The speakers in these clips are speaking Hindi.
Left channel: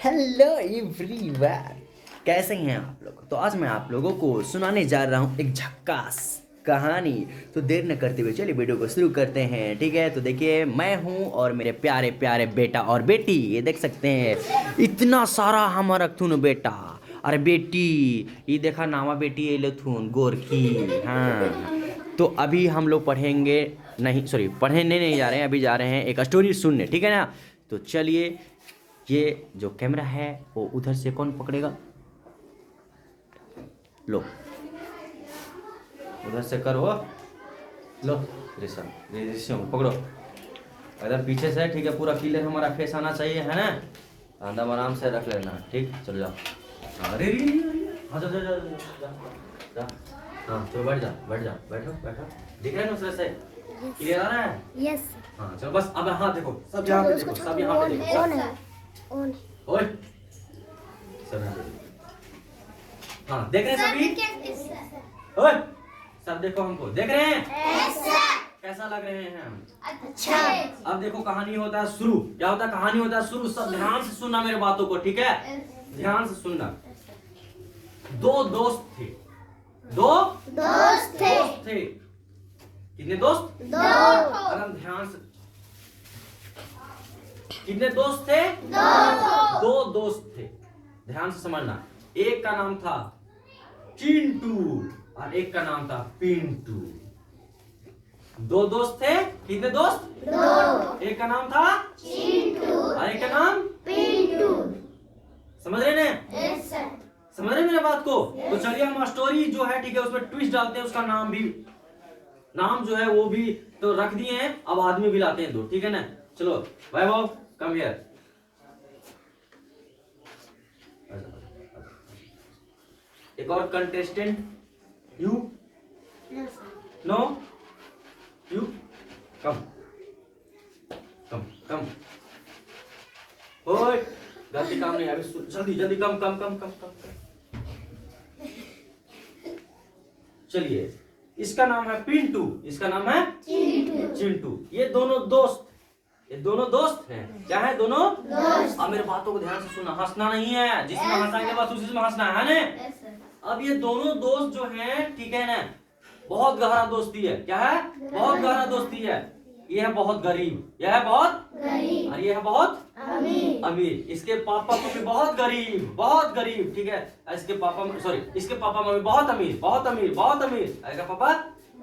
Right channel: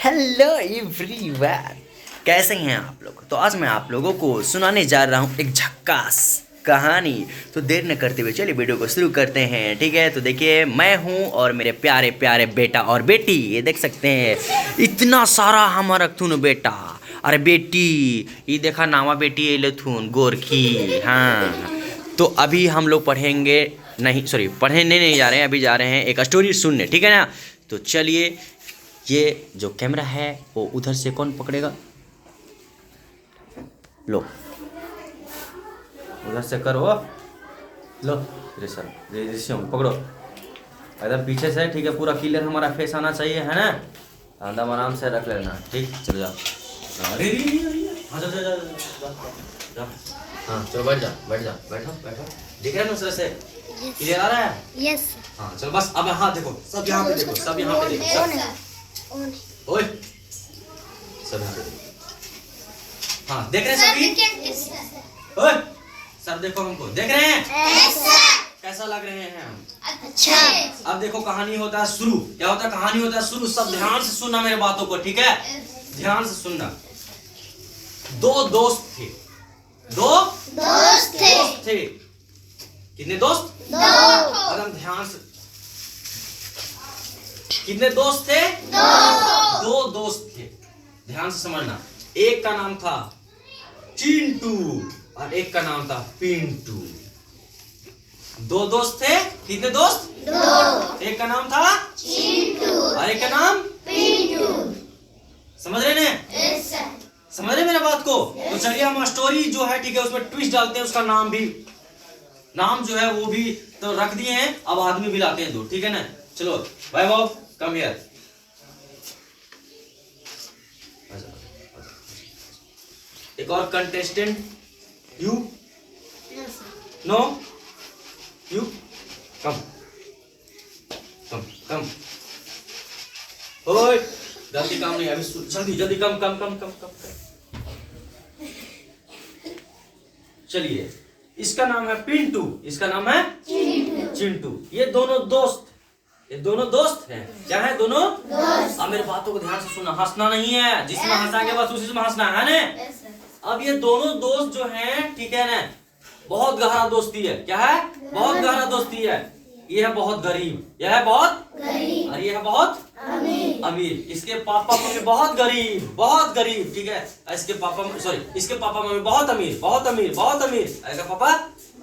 हेलो एवरीवन, कैसे हैं आप लोग। तो आज मैं आप लोगों को सुनाने जा रहा हूँ एक झक्कास कहानी। तो देर न करते हुए चलिए वीडियो को शुरू करते हैं। ठीक है, तो देखिए मैं हूँ और मेरे प्यारे प्यारे बेटा और बेटी, ये देख सकते हैं इतना सारा हमारा थून बेटा अरे बेटी, ये देखा नामा बेटी ये थून गोरखी। हाँ, तो अभी हम लोग पढ़ेंगे, नहीं सॉरी पढ़ने नहीं जा रहे हैं, अभी जा रहे हैं एक स्टोरी सुनने। ठीक है ना, तो चलिए। ये जो कैमरा है वो उधर से कौन पकड़ेगा, लो उधर से करो, लो पकड़ो एकदम पीछे से। ठीक है, पूरा क्लियर हमारा फेस आना चाहिए, है ना। एकदम आराम से रख लेना। ठीक, चलो जाओ। अरे हाँ चलो बैठ जाओ, बैठो बैठो। दिख रहा है दूसरे से क्लियर आ रहा है? यस। हाँ चलो बस, अब हाँ देखो, सब यहाँ पे देखो, सब यहाँ पे देखो, ओए सब यहाँ पे देखो। हाँ देख रहे हैं सभी? ओए सब देखो, हमको देख रहे हैं? कैसा लग रहे हैं हम? अच्छा। अब देखो कहानी होता है शुरू। क्या होता है? कहानी होता है शुरू। सब ध्यान से सुनना मेरे बातों को, ठीक है? ध्यान से सुनना। दो दोस्त थे। दोस्त थे। कितने दोस्त? एकदम ध्यान से। कितने दोस्त थे? दो दोस्त थे। ध्यान से समझना। एक का नाम था चिंटू और एक का नाम था पिंटू। दो दोस्त थे। कितने दोस्त? दो। एक का नाम था चिंटू और एक का नाम पिंटू। समझ रहे हैं? yes, समझ रहे मेरे बात को? तो चलिए हम स्टोरी जो है, ठीक है, उसमें ट्विस्ट डालते हैं। उसका नाम जो है वो भी तो रख दिए हैं। अब आदमी भी लाते हैं दो, ठीक है ना। चलो वैभव कम हियर। एक और contestant, you know you come come come. ओए गलती काम नहीं, अभी जल्दी जल्दी कम कम कम कम कम। चलिए, इसका नाम है पिंटू, इसका नाम है चिंटू। ये दोनों दोस्त हैं। क्या है? दोनों दोस्त। अब मेरे बातों को ध्यान से सुनना, हंसना नहीं है। जिसमें हंसाएंगे बस उसी में हंसना है ना। अब ये दोनों दोस्त जो हैं, ठीक है ना, बहुत गहरा दोस्ती है। क्या है? बहुत गहरा दोस्ती है। ये है बहुत गरीब, यह है बहुत गरीब और ये है बहुत अमीर। इसके पापा मम्मी बहुत गरीब, ठीक है। इसके पापा मम्मी बहुत अमीर। इसका पापा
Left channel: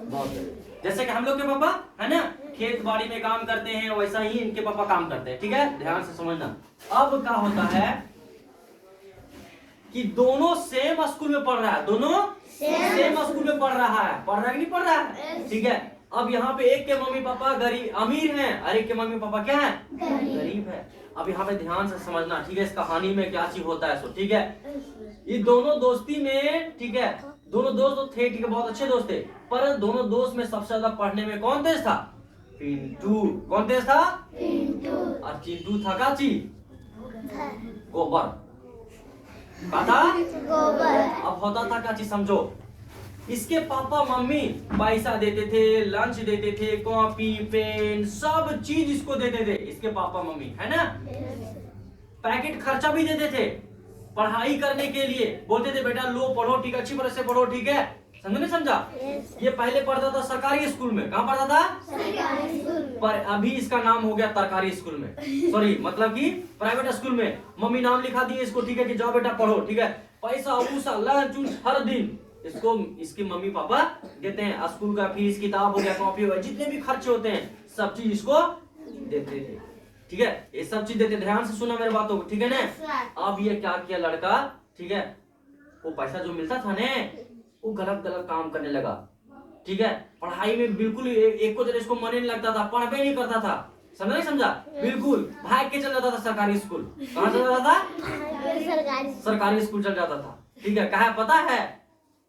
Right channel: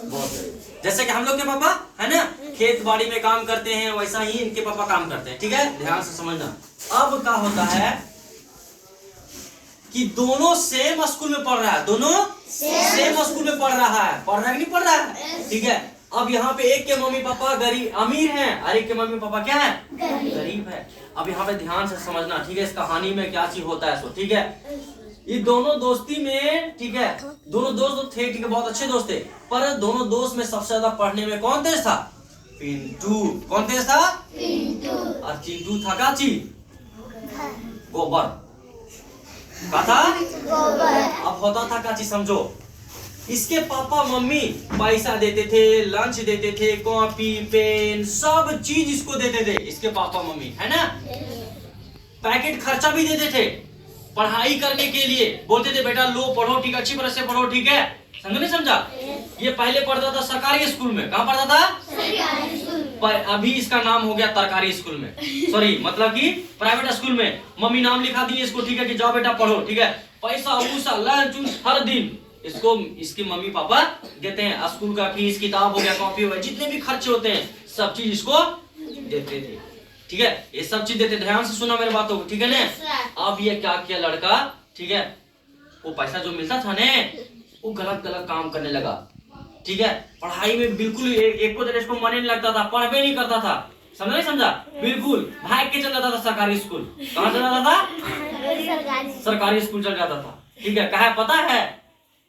बहुत गरीब। जैसे कि हम लोग के पापा है ना, खेत बाड़ी में काम करते हैं, वैसा ही इनके पापा काम करते हैं। ठीक है, ध्यान से समझना। अब क्या होता है कि दोनों सेम स्कूल में पढ़ रहा है। दोनों सेम स्कूल में पढ़ रहा है कि नहीं पढ़ रहा है? ठीक है। अब यहाँ पे एक के मम्मी पापा अमीर हैं और एक के मम्मी पापा क्या है? गरीब है। अब यहाँ पे ध्यान से समझना, ठीक है, इस कहानी में क्या चीज होता है सो। ठीक है, ये दोनों दोस्ती में, ठीक है, दोनों दोस्त थे, ठीक है, बहुत अच्छे दोस्त थे। पर दोनों दोस्त में सबसे ज्यादा पढ़ने में कौन तेज था? पिंटू। कौन तेज था? पिंटू। और चिंटू था क्या चीज? गोबर। क्या था? गोबर। अब होता था क्या चीज समझो। इसके पापा मम्मी पैसा देते थे, लंच देते थे, कॉपी पेन सब चीज इसको देते थे। इसके पापा मम्मी, है ना, पैकेट खर्चा भी देते थे पढ़ाई करने के लिए। बोलते थे बेटा लो पढ़ो, ठीक, अच्छी तरह से पढ़ो, ठीक है। समझ नहीं समझा? ये पहले पढ़ता था सरकारी स्कूल में। कहाँ पढ़ता था? सरकारी स्कूल। पर अभी इसका नाम हो गया तरकारी स्कूल में, सॉरी मतलब कि प्राइवेट स्कूल में। मम्मी नाम लिखा दी इसको, ठीक है, कि जाओ बेटा पढ़ो, ठीक है। पैसा उसा लंच हर दिन इसको इसके मम्मी पापा देते हैं। स्कूल का फीस, किताब हो गया, कॉपी हो गया, जितने भी खर्चे होते हैं सब चीज इसको देते थे। ठीक है, ये सब चीज देते। ध्यान से सुना मेरे बातों को, ठीक है ना। अब ये क्या किया लड़का, ठीक है, वो पैसा जो मिलता था ना, वो गलत काम करने लगा। ठीक है, पढ़ाई में बिल्कुल एक को इसको मन नहीं लगता था, पढ़ भी नहीं करता था। समझ नहीं समझा? बिल्कुल भाग के चल जाता था सरकारी स्कूल। कहाँ चल जाता था? सरकारी स्कूल चल जाता था। ठीक है, कहा पता है?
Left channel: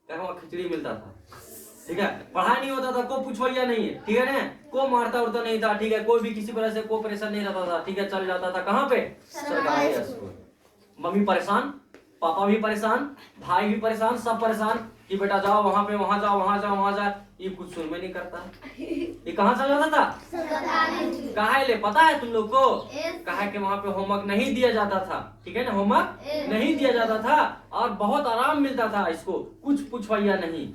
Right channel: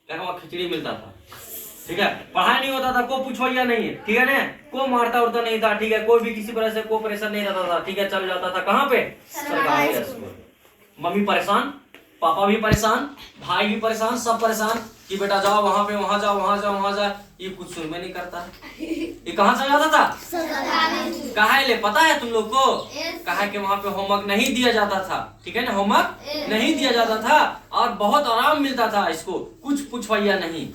वहाँ खिचड़ी मिलता था। ठीक है, पढ़ाई नहीं होता था, को पूछवाइया नहीं है, ठीक है ना, को मारता उड़ता नहीं था, ठीक है, कोई भी किसी तरह से कोई परेशान नहीं रहता था। ठीक है, चल जाता था कहाँ पे? सरकारी स्कूल। मम्मी परेशान पापा भी परेशान, भाई भी परेशान, सब परेशान कि बेटा जाओ वहां पे, वहां जाओ, वहां जाओ, वहां जाओ। ये कुछ सुन में नहीं करता। ये कहाँ चला जाता था? कहा ले पता है तुम लोग को? कहा कि वहां पे होमवर्क नहीं दिया जाता था, ठीक है ना, होमवर्क नहीं दिया जाता था और बहुत आराम मिलता था इसको, कुछ पूछवैया नहीं,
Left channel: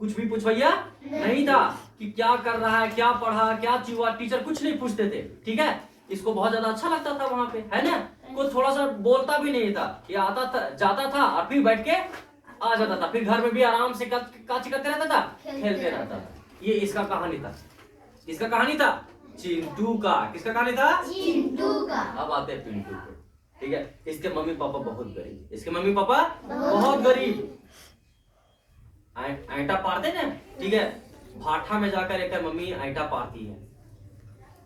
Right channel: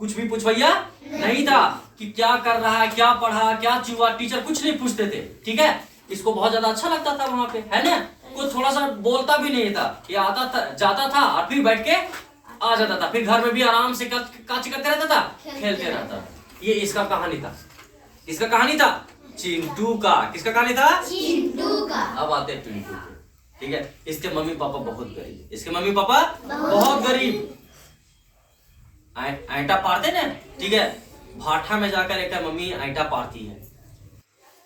कुछ भी पूछवैया नहीं था कि क्या कर रहा है, क्या पढ़ा, क्या चुआ, टीचर कुछ नहीं पूछते थे, ठीक है। इसको बहुत ज्यादा अच्छा लगता था वहां पे, है ना। कोई थोड़ा सा बोलता भी नहीं था, ये आता था, जाता था और फिर बैठ के आ जाता था, फिर घर में भी आराम से काची करते रहता था, खेलते रहता था। ये इसका कहानी था, इसका कहानी था चिंटू का। किसका कहानी था? चिंटू का। अब आते हैं पिंटू को, ठीक है। इसके मम्मी पापा बहुत गरीब, इसके मम्मी पापा बहुत गरीब, आईटा पारते ना, ठीक है। भाठा में जाकर एक मम्मी आईटा पारती है,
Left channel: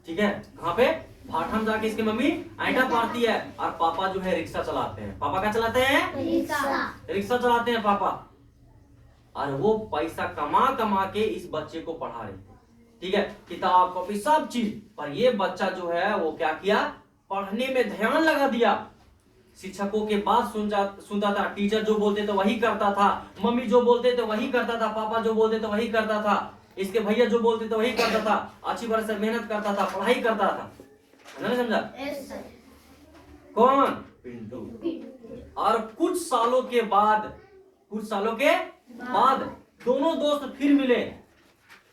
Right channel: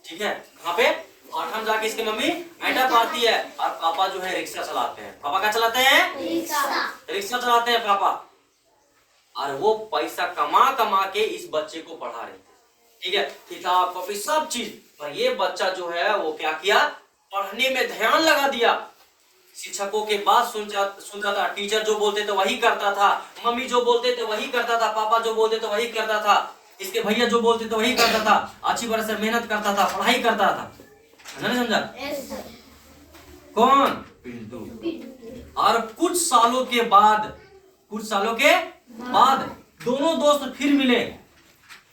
ठीक है। कहाँ पे? भाठा में जाके इसकी मम्मी आईटा पारती है और पापा जो है रिक्शा चलाते हैं। पापा क्या चलाते हैं? रिक्शा चलाते हैं पापा। और वो पैसा कमा कमा के इस बच्चे को पढ़ा रहे थे, ठीक है, किताब कॉपी सब चीज। पर ये बच्चा जो है वो क्या किया? पढ़ने में ध्यान लगा दिया। शिक्षकों के बात सुनता था, टीचर जो बोलते थे वही करता था, मम्मी जो बोलते थे वही करता था, पापा जो बोलते थे वही करता था, इसके भैया जो बोलते थे वही करता था, अच्छी तरह से मेहनत करता था, पढ़ाई करता था। नहीं समझा? कौन? पिंटू। और कुछ सालों के बाद दोनों दोस्त फिर मिले।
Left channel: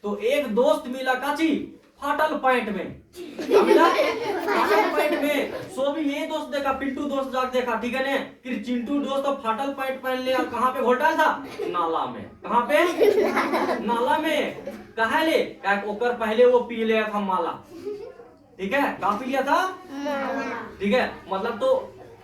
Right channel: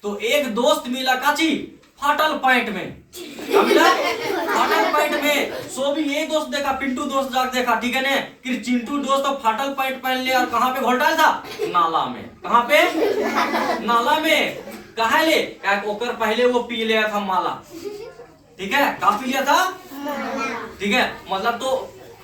तो एक दोस्त मिला काची? फाटल पैंट में। क्या मिला? फाटल पैंट में। सो भी ये दोस्त देखा, पिंटू दोस्त जाके देखा, ठीक है ने, कि चिंटू दोस्त तो फाटल पैंट पहन ले और कहाँ पे घोटाल था? नाला में। कहाँ पे? नाला में। कहा ले? ओकर पहले वो पी लिया था माला, ठीक है। का पी लिया था? ठीक है, मतलब तो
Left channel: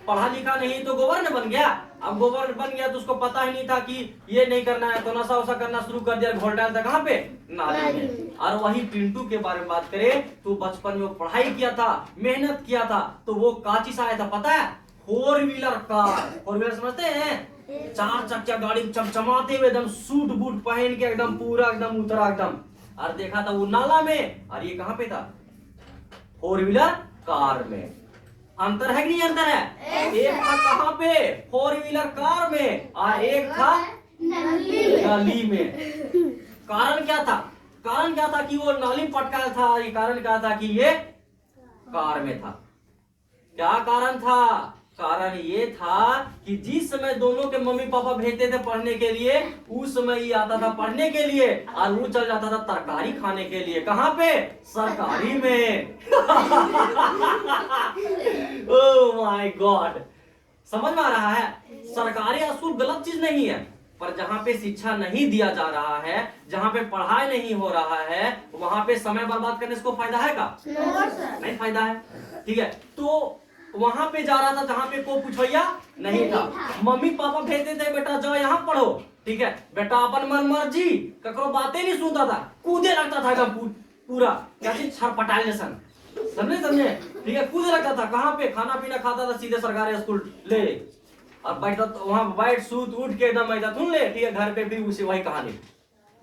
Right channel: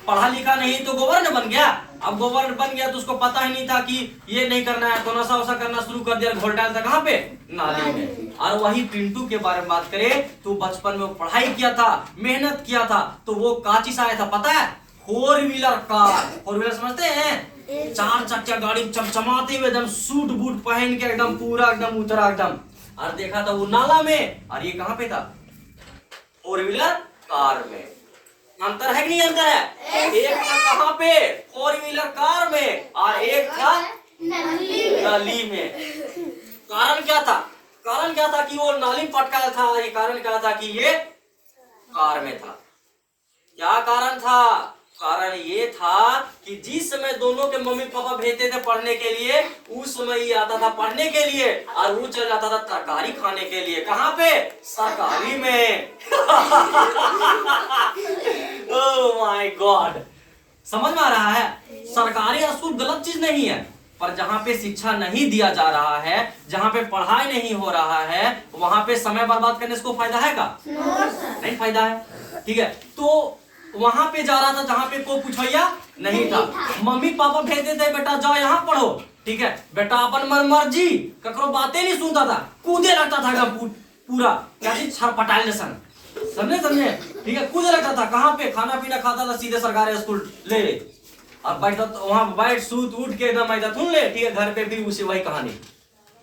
पढ़ा लिखा नहीं तो गवर्नर बन गया। अब गवर्नर बन गया तो उसको पता ही नहीं था कि ये नहीं करना है, तो नशा वशा करना शुरू कर दिया, घोल डालता कहाँ पे? नाली में। और वही पिंटू के बारे में बात करें तो बचपन में पढ़ाई किया था, मेहनत किया था, तो वो काची से आया था पता है? 4 व्हीलर कार। 4 व्हीलर समझते हैं? 4 चक्का गाड़ी चमचमाते हुए एकदम सूट बूट पहन के एकदम पूरा एकदम उतरा एकदम, और देखा था वो नाला में। और ये कहाँ पे था? 4 व्हीलर कार में। अंतर है कि नहीं अंतर है? एक था कहाँ पे? 4 व्हीलर कार में और एक था नाली में। कारण क्या था? कारण क्या था कि वो नाली पटका था? ये कारण क्या था कि ये कार में था? क्या कारण था? कारण ये था कि जिस समय दोनों के मम्मी पापा भेजते थे पढ़ने के लिए, उस समय ये आता था पढ़ने के लिए और वो चल जाता था तरकारी खाने के लिए। कहाँ पे? सरकारी में। ओह माय गॉड, समझ में आ रहा है? सरकारी स्कूल गलत चीज नहीं है, पर जहाँ पे शिक्षा नहीं दिया जा रहा है, जहाँ पे पढ़ाई नहीं हो रहा है, वहां पे समय बर्बाद करने से कोई फायदा है का? नहीं फायदा है, ठीक है। तो वहां पे जा रहा था जहां पे कोई पूछवैया नहीं था। मम्मी पापा भेजते थे बेटा जाओ यहाँ पढ़ो, ठीक है। बेटा अपन मर्जी, ककरो बातें नहीं सुनता था, कूदे लगता था एकदम पूरा क्या चीज छरपटाई जैसन, समझे, ठीक है। कूदे लगता था। कहाँ पे? खाना पीना खाता था सीधे सरकारी स्कूल ले और बैठता वहां बैठ सूत उठ के एकदम ऐसा सुन ले, ठीक है। घर पे भी उसी वही कहानी,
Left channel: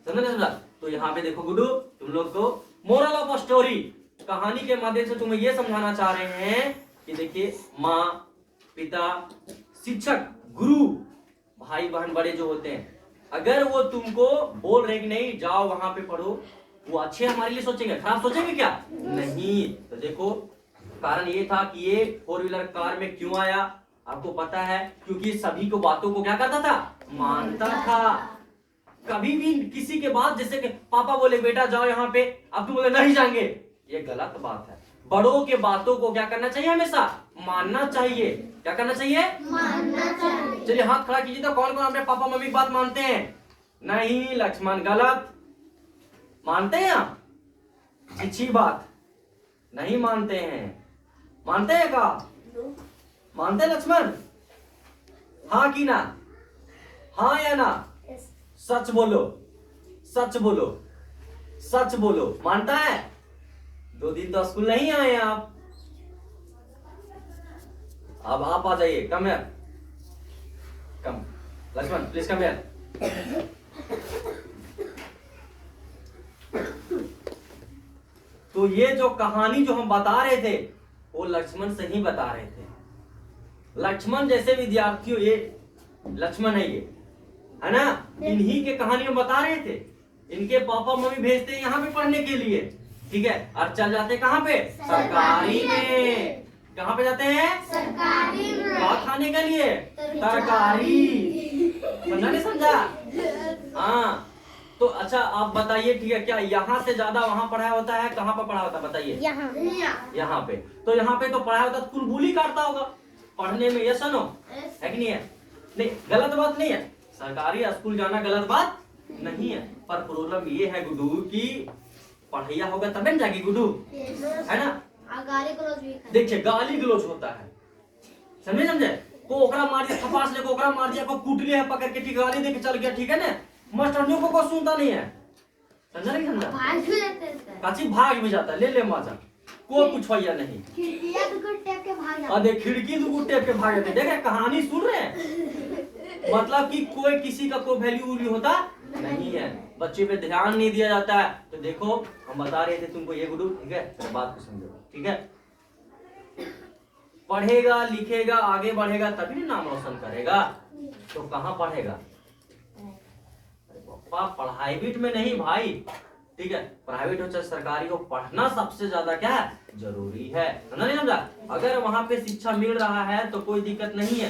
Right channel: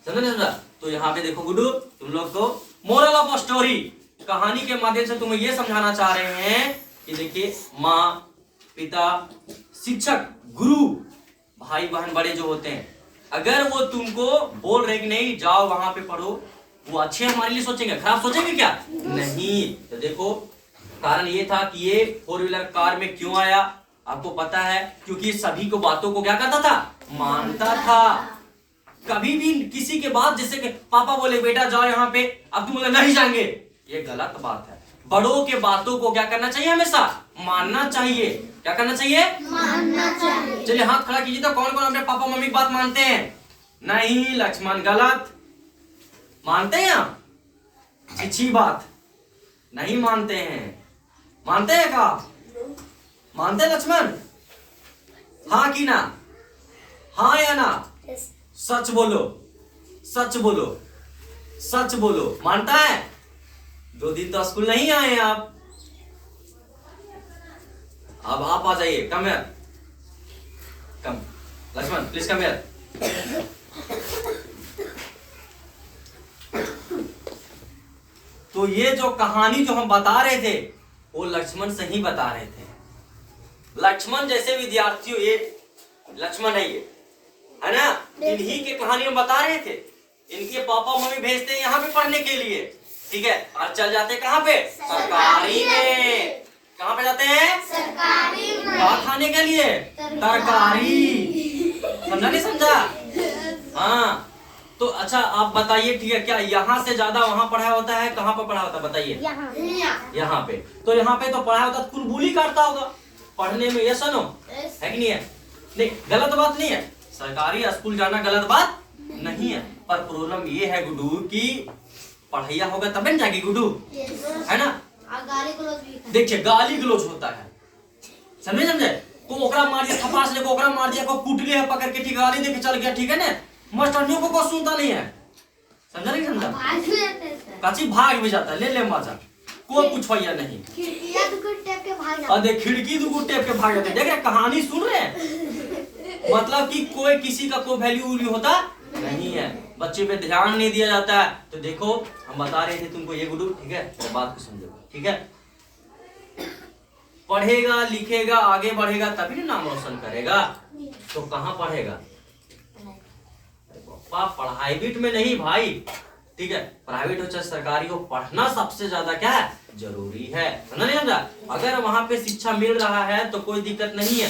समझा? तो यहाँ पे देखो गुड्डू, तुम लोग को मोरल ऑफ स्टोरी कहानी के माध्यम से तुम्हें ये समझाना चाह रहे हैं कि देखिए, माँ, पिता, शिक्षक, गुरु, भाई बहन बड़े जो होते हैं, अगर वो तुमको बोल रहे कि नहीं जाओ वहां पे पढ़ो, वो अच्छे हमारे लिए सोचेंगे, खराब सोचेंगे क्या? नहीं। तो देखो, कारण ये था कि ये 4 व्हीलर कार में क्यों आया, आपको पता है? क्योंकि सभी को बातों को क्या करता था? मानता था। कभी भी किसी के बात, जैसे कि पापा बोले बेटा जाओ यहाँ पे, अब तुम बोले नहीं जाएंगे, ये गलत बात है। बड़ों के बातों को क्या करना चाहिए? हमेशा मानना चाहिए। क्या करना चाहिए? मानना चाहिए। चलिए हाथ खड़ा कीजिए तो कौन कौन अपने पापा मम्मी की बात मानते हैं? नहीं लक्ष्मण, गलत। मानते हैं आप? अच्छी बात, नहीं मानते हैं। मानते हैं का? मानते हैं लक्ष्मण? हाँ कि ना? हाँ या ना? सच बोलो, सच बोलो, सच बोलो। मानता है? 2 दिन तो स्कूल नहीं आए आप। अब आप आ जाइए, come here, come Lakshman please come here. तो ये जो कहानी जो हम बता रहे थे वो लक्ष्मण से ही बता रहे थे। लक्ष्मण जैसे विद्यार्थियों, ये लक्ष्मण है ये, है ना। इन्हीं के कहानी में बता रहे थे, इनके पापा मम्मी भेजते हैं यहाँ पे पढ़ने के लिए, ठीक है, और चल जाते कहाँ पे, सरकारी में। कहाँ पे जाते हैं, सरकारी में। क्या खाने के लिए, तरकारी। समझा नहीं समझा? हाँ तो अच्छा आप बताइए, ठीक है, क्या यहाँ से ज्यादा वहाँ पढ़ाया होता है, कहाँ पर पढ़ा होता है बताइए? यहाँ पे। तो यहाँ पे तो पढ़ाया होता है, बुलबुली काटता होगा पढ़ने में, ये सुनो है कि नहीं है? नहीं, गलत बात नहीं है, सरकारी स्कूल जाना गलत बात नहीं है, पर प्रॉब्लम ये है गुड्डू की पढ़ाइया होगा तब न जाएगी गुड्डू, है ना। देखिए गाली गलौज होता है, समझे, को ओकरा मार दिया, थपास ले को ओकरा मार दिया, को कूट लिया पकड़ के, ठीक गाली दे के चल गया, ठीक है ना। मास्टरनियों को सुनता नहीं है, समझा नहीं समझा? काची भाग भी जाता है, ले मजा, कोई पूछवाइया नहीं। देख खिड़की दो टेप के भाग जाते, देख रहे कहानी सुन रहे हैं, मतलब कि कोई किसी का कोई वैल्यू होता नहीं है, बच्चे पे ध्यान नहीं दिया जाता है। तो देखो हम बता रहे थे तुमको ये गुड्डू, ठीक है, तो बात को समझो, ठीक है। पढ़ेगा लिखेगा आगे बढ़ेगा तभी ना नाम रोशन करेगा, तो कहाँ पढ़ेगा? प्राइवेट में नहीं भाई, ठीक है, प्राइवेट हो चाहे सरकारी हो, पढ़ना सबसे ज्यादा क्या है, जरूरी है, समझा नहीं समझा? अगर वहां पे शिक्षा मिल रहा है तो कोई दिक्कत नहीं है,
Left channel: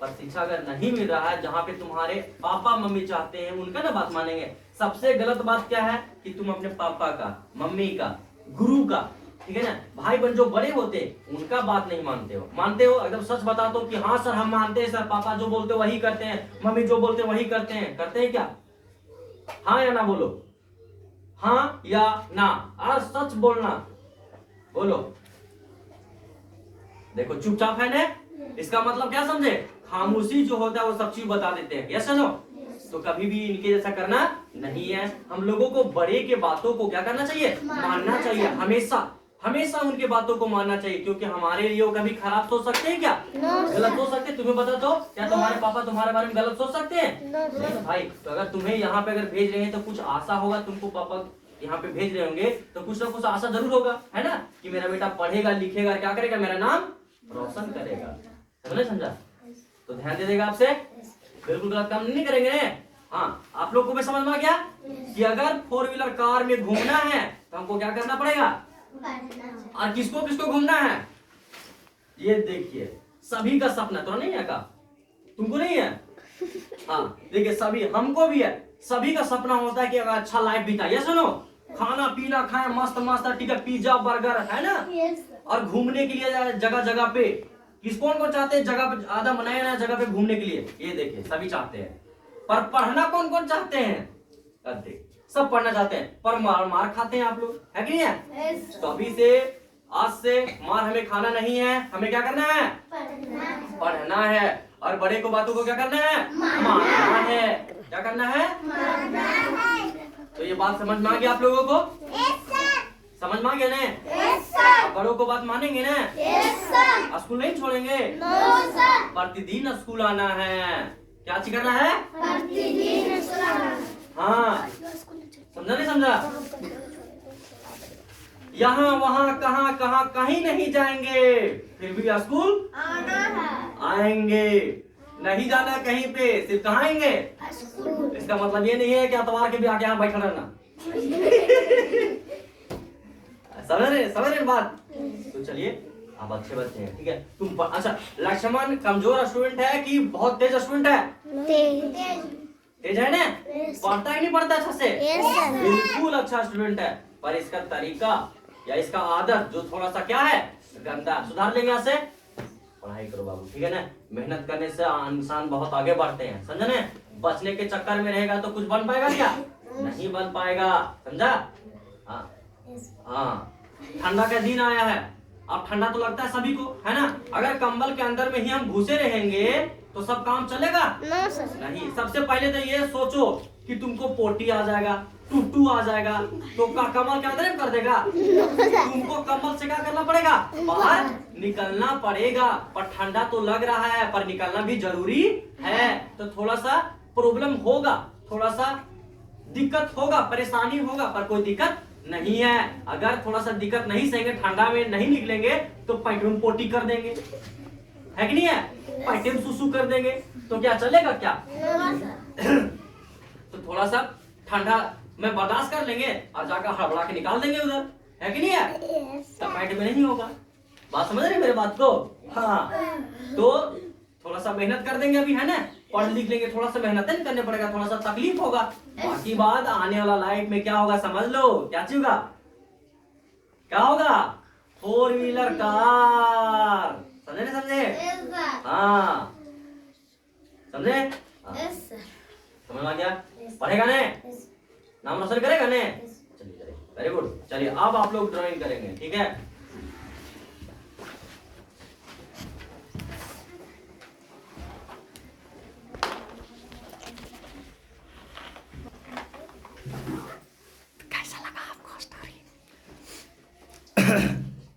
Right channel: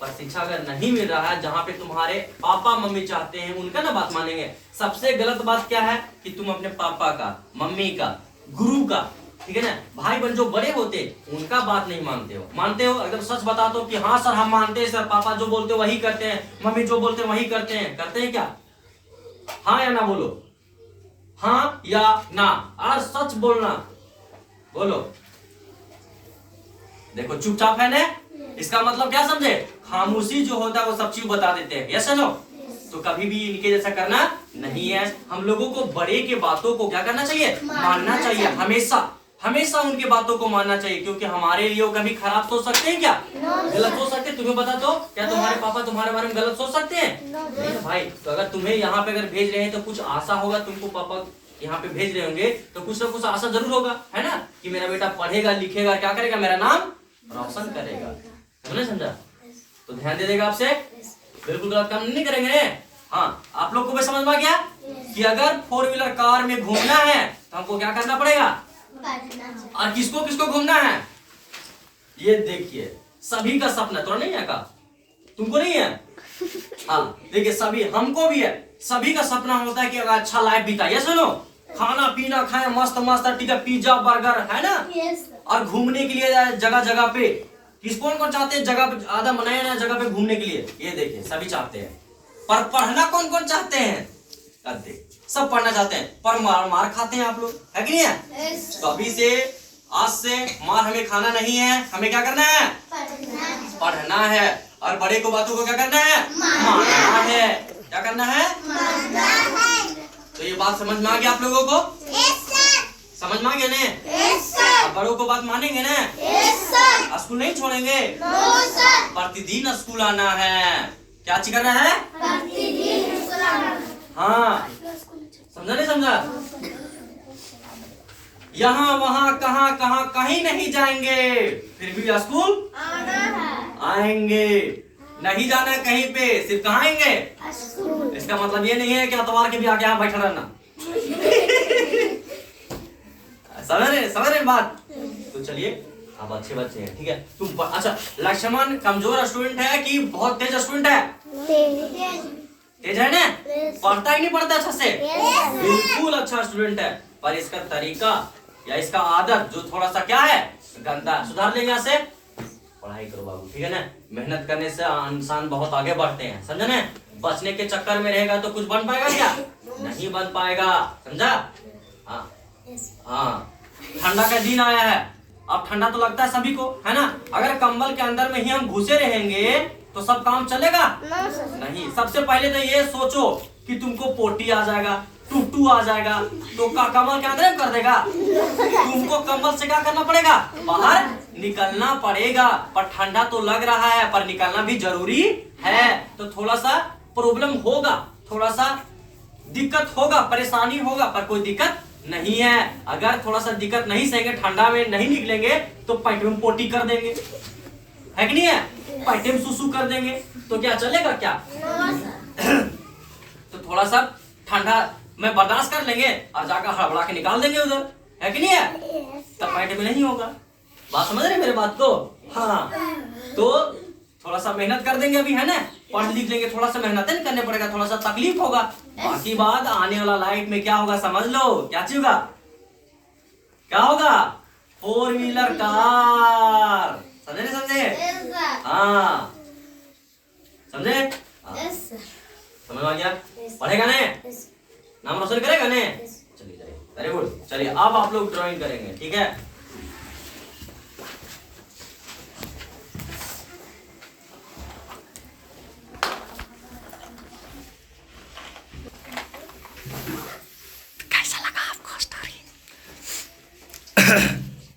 पर शिक्षा अगर नहीं मिल रहा है, जहाँ पे तुम्हारे पापा मम्मी चाहते हैं उनका ना बात मानेंगे। सबसे गलत बात क्या है कि तुम अपने पापा का, मम्मी का, गुरु का, ठीक है ना, भाई बहन जो बड़े होते उनका बात नहीं मानते हो एकदम सच बता दो कि हाँ सर हम मानते हैं सर, पापा जो बोलते वही करते हैं, मम्मी जो बोलते वही करते हैं क्या? हाँ या ना बोलो, हाँ या ना, आज सच बोलना, बोलो। देखो चुपचाप है ना, इसका मतलब क्या समझे, खामोशी जो होता है वो सब चीज बता देते हैं, यस नो। तो कभी भी इनके जैसा करना नहीं है। हम लोगों को बड़े के बातों को क्या करना चाहिए, मानना चाहिए, हमेशा उनके बातों को मानना चाहिए, क्योंकि हमारे लिए वो कभी खराब सोच सकते हैं क्या, गलत सोच सकते हैं? तुम्हें बता दो, क्या तुम्हारे पापा तुम्हारे बारे में गलत सोच सकते हैं? नहीं भाई। तो अगर तुम्हें यहाँ पे अगर भेज रहे हैं तो कुछ आशा होगा, तुमको पापा यहाँ पे भेज रहे होंगे तो कुछ ना कुछ आशा जरूर होगा, है ना, कि मेरा बेटा पढ़ेगा लिखेगा, क्या करेगा, मेरा नाम रोशन करेगा, समझे समझा? तो ध्यान दे देगा आपसे, बिल्कुल गलत काम नहीं करेंगे। हाँ आप लोग को भी समझ में आ गया कि अगर 4 व्हीलर कार में घूमना है तो हमको क्या करना पड़ेगा, और किसको किसको घूमना है? ये देखिए सभी का सपना तो नहीं है का, तुमको नहीं है? हाँ देखिए सभी, हमको भी है, सभी का सपना होता है कि अगर अच्छा लाइफ बिताइए, सुनो, खाना पीना खाए मस्त मस्त, ठीक है, पिज्जा बर्गर, है ना, और घूमने के लिए जगह जगह पे, कौन चाहते हैं जगह पे, आधा बनाया ना जगह पे घूमने के लिए, ये देखिए सभी चाहते हैं, पर पढ़ना कौन चाहते हैं? सब पढ़ना चाहते हैं, पर मार खाते हैं आप लोग, है कि नहीं है? तो अभी से आज से मार हमें खाना नहीं है, हमें क्या करना है, पढ़ना है, और बड़े को बातों को क्या करना है, मानना है, क्या करना है, तो ये बात समझ में आ गया आप लोगों को? समझ में आ गया ना? अब बड़ों को बात मानेंगे ना? स्कूल नहीं छोड़ेंगे, प्रतिदिन स्कूल आना है, क्या चीज करना है, हाँ समझा नहीं समझा? यहाँ वहाँ कहाँ कहाँ कहीं नहीं जाएंगे, फिर भी स्कूल आएंगे, नहीं जाना कहीं पे, सिर्फ कहाँ आएंगे, इसका मतलब ये नहीं है कि अतवार के भी आके यहाँ बैठा रहना। समझ रहे बात? तो चलिए आप अच्छे बच्चे हैं, ठीक है, तुम अच्छा लक्ष्मण कमजोर स्टूडेंट है कि बहुत तेज स्टूडेंट है? तेज है ना, पढ़ता ही नहीं पढ़ता अच्छा से, बिल्कुल अच्छा स्टूडेंट है, पर इसका तरीका या इसका आदत जो थोड़ा सा क्या है, गंदा, सुधार लेंगे यहाँ से। पढ़ाई करो बाबू, ठीक है ना, मेहनत करने से इंसान बहुत आगे बढ़ते हैं, समझे ना? बचने के चक्कर में रहेगा तो कुछ बन पाएगा क्या, नहीं बन पाएगा, समझा? हाँ हाँ, ठंडा का दिन आया है, अब ठंडा तो लगता है सभी को, है ना, अगर कंबल के अंदर में ही हम घुसे रहेंगे तो सब काम चलेगा नहीं। सबसे पहले तो ये सोचो कि तुमको पोटी आ जाएगा, टूटू आ जाएगा, तो कमल के अंदर कर देगा, तुमको कंबल से क्या करना पड़ेगा, बाहर निकलना पड़ेगा, पर ठंडा तो लग रहा है पर निकलना भी जरूरी है, तो थोड़ा सा प्रॉब्लम होगा, थोड़ा सा दिक्कत होगा, परेशानी होगा, पर कोई दिक्कत नहीं है। अगर थोड़ा सा दिक्कत नहीं सहेंगे, ठंडा में नहीं निकलेंगे तो पैंट में पोटी कर देंगे, है कि नहीं है? पैंटे में सुसु कर देंगे तो क्या चलेगा क्या? तो थोड़ा सा ठंडा में बर्दाश्त कर लेंगे और जाकर हड़बड़ा के निकाल देंगे उधर, है कि नहीं है? तब पैंट में नहीं होगा। बात समझ रहे मेरे बात को? हाँ, तो थोड़ा सा मेहनत कर देंगे अभी, है ना? पढ़ लिख लेंगे, थोड़ा सा मेहनत नहीं करने पड़ेगा, थोड़ा सा तकलीफ होगा। बाकी बात आने वाला लाइफ में क्या होगा समझ लो। क्या चीज होगा? क्या होगा? 4 व्हीलर कार। समझे नहीं समझे? हाँ, समझे? समझ में आ गया? पढ़ेगा ने? नाम रोशन करेगा ने? चलिए चलिए, वेरी गुड। चलिए अब आप लोग ड्राइंग करेंगे, ठीक है?